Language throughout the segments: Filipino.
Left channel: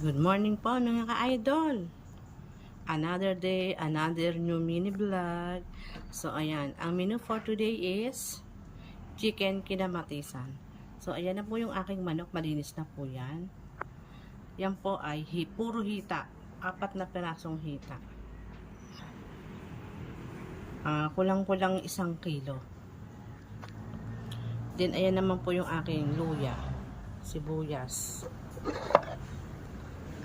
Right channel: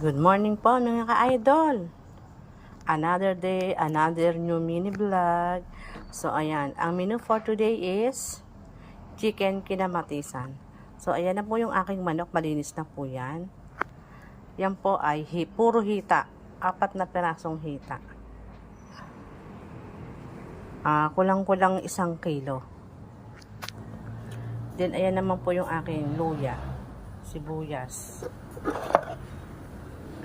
Good morning po mga ka-idol. Another day, another new mini vlog. So ayan, ang menu for today is chicken kinamatisan. So ayan na po yung aking manok, malinis na po yan. Yan po ay puro hita, 4 na pirasong hita. Kulang-kulang 1 kilo. Then ayan naman po yung aking luya, sibuyas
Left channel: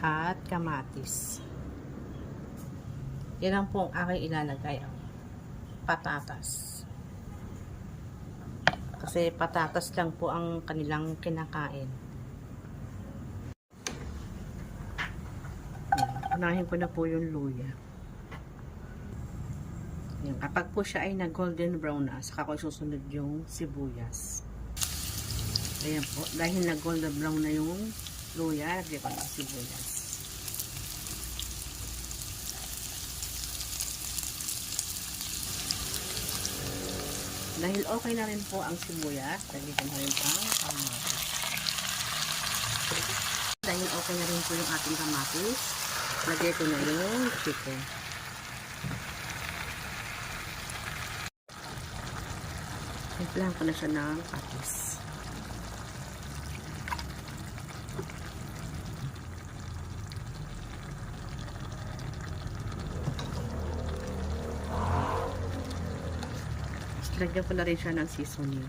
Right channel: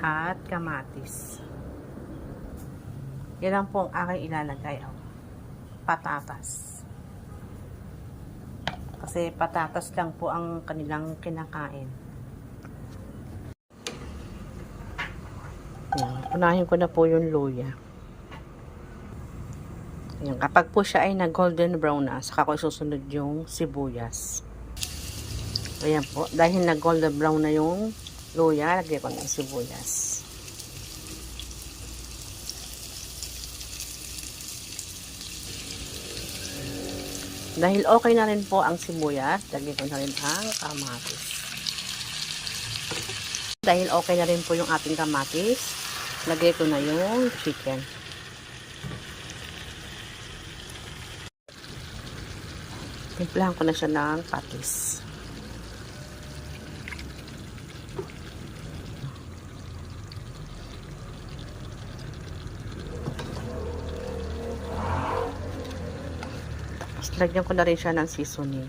at kamatis. Yan lang po ang aking ilalagay. Patatas. Kasi patatas lang po ang kanilang kinakain. Yan. Unahin ko na po yung luya. Yan. Kapag po siya ay nag-golden brown na, saka ko susunod yung sibuyas. Ayan po. Dahil nag-golden brown na yung luya, lagyan ko ng sibuyas. Dahil okay na rin po ang sibuyas, lagyan ko na rin ang kamatis. Dahil okay na rin po yung ating kamatis, lagyan ko na yung chicken. Timplahan ko na siya ng patis. Lagyan ko na rin siya ng seasoning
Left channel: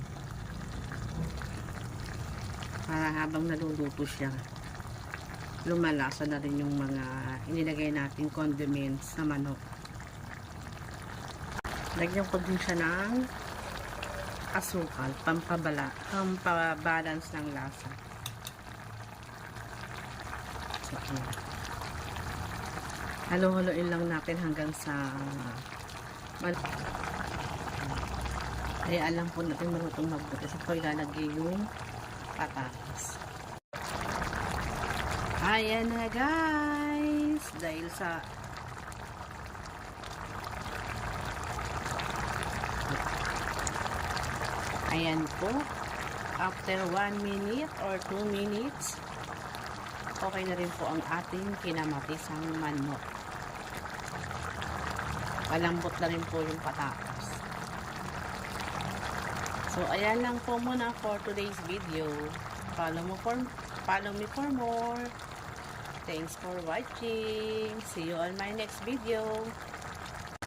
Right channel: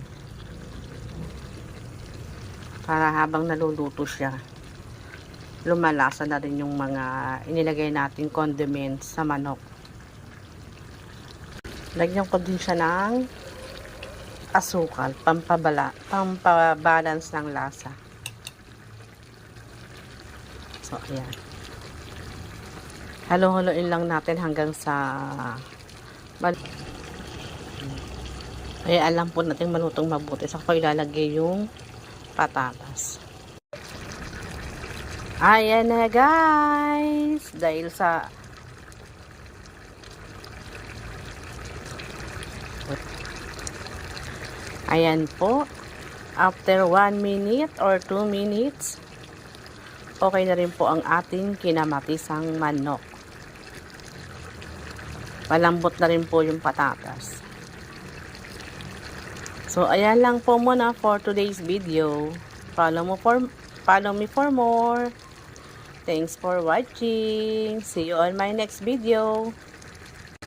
para habang naluluto siya, lumalasa na rin yung mga inilagay nating condiments sa manok. Lagyan ko din siya ng asukal, pampabalance ng lasa. So ayan, halo-haloin lang natin hanggang sa alam po natin malutong mabuti. Saka ko ilalagay yung patatas. Ayan na guys. Dahil sa ayan po. After 1 minute or 2 minutes, okay na rin po ang ating kinamatisang manok. Malambot na rin po yung patatas. So, ayan lang po muna for today's video. Follow me for more. Thanks for watching. See you on my next video.